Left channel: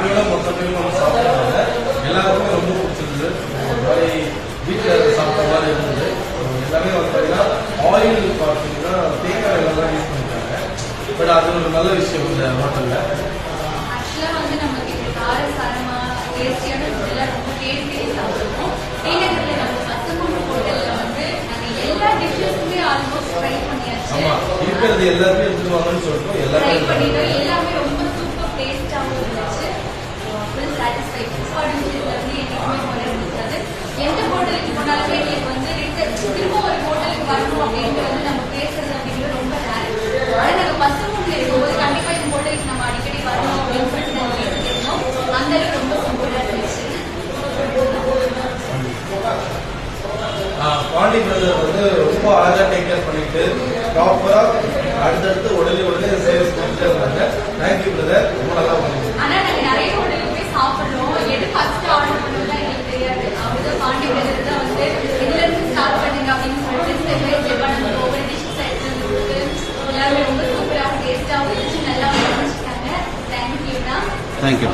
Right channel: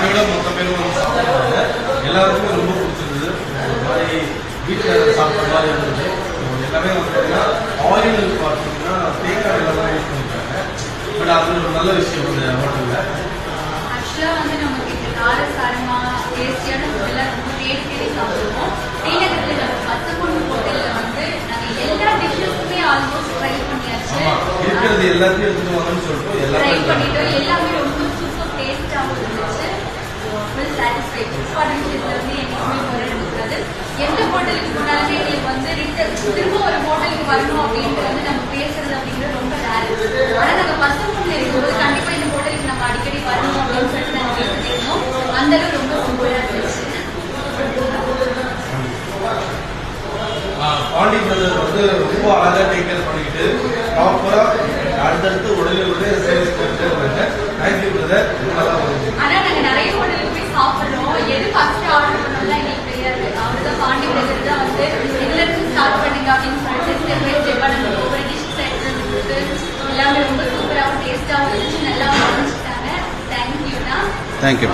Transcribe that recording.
ஃபேமிலியோட மொத்த பேரும் வந்து சாப்பிட்றாங்க. எல்லாருக்குமே ரொம்ப பிடிச்சிருந்தது. ஒரு மாதிரி வீட்டில் சாப்பிட்ற மாதிரி இருந்தது. எல்லாமே வந்து பார்த்தீங்கன்னா ஆயில் பார்த்தீங்கன்னா தேங்காய் எல்லாம் தான் யூஸ் பண்ணிட்டாங்க. பட் அது ஒரு நல்ல விஷயம் இந்த ஹோட்டலில். ஆக்சுவலாக வந்து நமக்கு காரசாரமா டேஸ்டியான ஃபுட்டெல்லாம் ரொம்ப தேடி சாப்பிடுவோம். வீட்டில் நம்ம பத்துக்குண்டு ஹோட்டலில் வந்து நாங்கள் எல்லா டிஷ்ஷஸுமே ஆல்மோஸ்ட் ட்ரை பண்ணியாச்சு. இருக்கிறது எல்லாத்தையும் எடுத்துட்டு வாங்கன்னு சொல்லிட்டு எல்லாமே ட்ரை பண்ணிட்டோம். எல்லாமே ரொம்ப சூப்பர் டேஸ்டாகவும் இருந்துச்சு. Full satisfy. வந்து எங்களுக்குமே குறை இருக்காது. எந்த ஹோட்டலுக்கு போனாலுமே எங்களுக்கு வந்து திரும்ப ஒரு ஹோட்டலுக்கு வரணும் அப்படின்ட்டு வந்து நம்ம பேசுறது அப்படிங்கிறது ரொம்ப ரேர். ஆனால் நாங்கள் பசங்க இருக்கும்போது கண்டிப்பாக இந்த ஹோட்டலுக்கு நம்ம அடிக்கடி வரணும் அப்படின்னு சொல்லிட்டு நாங்கள் கேட்டுட்டே இருந்தோம். அந்த அளவு ரொம்ப சூப்பராக இருந்துச்சு. பாண்டி பிரதர் வந்து ரொம்ப அழகா டேக் கேர் பண்ணிட்டு ப்ராப்பரா அடுத்தடுத்து உடனே சேல்ஸ் பண்ணிட்டு இருந்தாங்க. Thank you brother. ரொம்ப நல்லா பண்ணுங்க. ஆனா நாங்க நிறைய ஹோட்டலுக்கு போய் சாப்பிடுறோம். எது ஃபர்ஸ்ட் ஆர்டர் பண்ணோம்னா எங்களுக்கு தெரியாது. அவர்தான் பாண்டி பிரதர் தான் வந்து இதுல இருந்து ஸ்டார்ட் பண்ணுங்க அப்படின்னு சொல்லிட்டு ஒவ்வொரு டிஷ்ஷஸ் எடுத்து எல்லாமே ரொம்ப சூப்பராகவும் டேஸ்டாகவும் இருந்துச்சு. நல்லா பண்ணிட்டாங்க. தேங்க்யூ தான். தேங்க்யூ.